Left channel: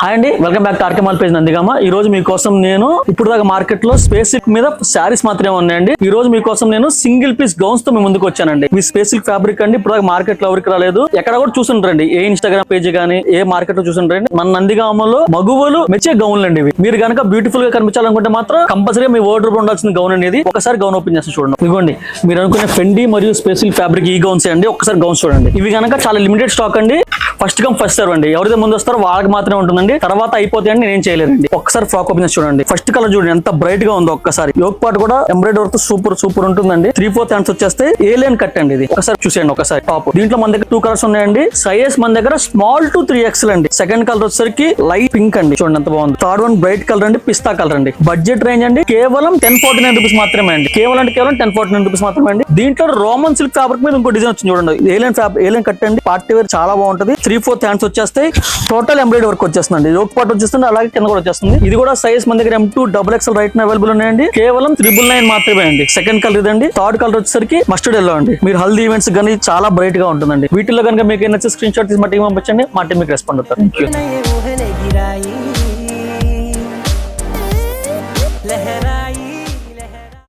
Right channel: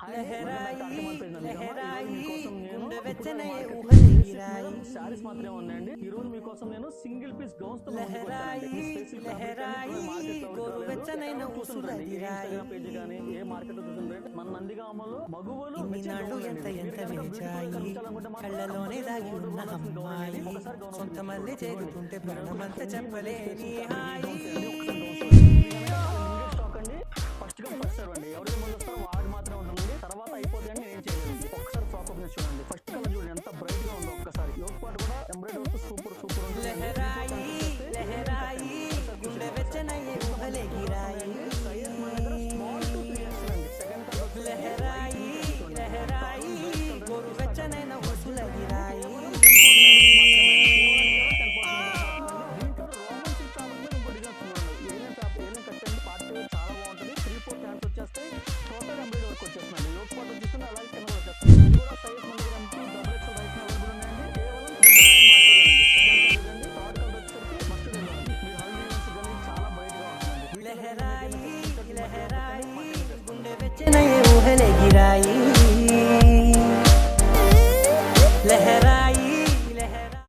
Hi అండి, welcome back to RK mall page Nandigama. ఈ రోజు మీకోసం నేను ఇప్పుడు దాకా మార్కెట్ లో స్పేస్ సిల్క్ మీద శారీస్ మాత్రమే ఉన్నాయండి. ఈ రోజు మీకోసం నేను సింగిల్ పీస్ గౌన్స్ తో మీ ముందుకు వచ్చానండి. మీ స్పేస్ సిల్క్ ఫ్యాబ్రిక్ అండి ఇప్పుడు దాకా మార్కెట్ లో ఎవరికి రాలేదు. ఎక్కడ కూడా చూసుంటారండి, ఏ ఇన్స్టాగ్రామ్ పేజ్ గానీ ఏ మార్కెట్ లో చూసుంటారండి. మన నందిగామలో మగువలు మెచ్చే గౌన్లు అండి ఇవి. మీరు కనుక బ్యూటిఫుల్ గా కనిపించాలనుకుంటే మాత్రం కంపల్సరీ మీ వార్డ్రోబ్ ఉండాల్సిన గౌన్ అనేది ఒకసారి గౌన్ ఓపెన్ చేసి చూడండి. ఇదిగోండి, మీరు అనుకునే ఫెండి మరియు స్పేస్ సిల్క్ ఫ్యాబ్రిక్ ఈ గౌన్స్ అండి. ఒకసారి గౌన్స్ చూడండి. ఇవి కనుక చాలా లిమిటెడ్ స్టాక్ అండి. ఫస్ట్ కమ్ ఫస్ట్ సర్వ్ అండి. ఎవరైతే ముందు వస్తారో వాళ్ళకి మాత్రమే ఉంటుందండి. తర్వాత అయిపోతే అండి నేను చేయలేదండి. ఒక్కసారి ఫ్రాక్ ఓపెన్ చేసి చూడండి. ఫస్ట్ కలర్ చూడండి ఎంత బ్రైట్ గా ఉందో. ఒక్కసారి యోక్ పార్ట్ కూడా ఎంబ్రాయిడరీ వర్క్ సూపర్ ఉంటుందండి. 3/4 హ్యాండ్స్ వచ్చేస్తే ఏలియన్ కట్ అండి. ఇది ఒకసారి చూసేయండి. ఒకసారి టాప్ దీంట్లో మన దగ్గర 2 కలర్స్ ఉన్నాయండి. సైజ్ మన దగ్గర స్మాల్ టు 3XL అండి. సెకండ్ కలర్ వచ్చేసరికి లైట్ పింక్ అండి. చూడండి ఎంత బాగుంది. థర్డ్ వన్ బ్రైట్ కలర్ అండి, పిస్తా కలర్ అండి. బడ్జెట్ రేంజ్ అండి కేవలం 1049 రూపీస్ మాత్రమే అండి. కేవలం 1049 రూపీస్ మాత్రమే అండి. దీంట్లో రోమన్ సిల్క్ ఫ్యాబ్రిక్ మీద ఇంకో డిజైన్ వచ్చింది చూడండి. ఏలియన్ కట్ అండి. పార్టీ వేర్ చాలా బాగుంటది. 3/4 హ్యాండ్స్ వచ్చేస్తాయి. టోటల్ ఎంబ్రాయిడరీ వర్క్ వచ్చేస్తుంది. యోక్ పార్ట్ వచ్చేస్తుంది, అలాగే కింద కూడా వచ్చేస్తుంది. ఇది కూడా సైజ్ మన దగ్గర M2 XXL రైట్ అవైలబుల్ ఉన్నాయండి. కేవలం 999 మాత్రమే అండి. సెకండ్ కలర్ ఇదండి. థర్డ్ కలర్ వచ్చేసరికి మస్టర్డ్ ఎల్లో అండి. మీరు హల్దీ ఈవెంట్స్ కానీ చాలా బ్రైట్ గా ఉంటుందండి. వీటిలో కనుక మీకు నచ్చే స్క్రీన్ షాట్ తీసి మా టీం పంపించండి. మా టీం మీకు రెస్పాండ్ అవుతారు.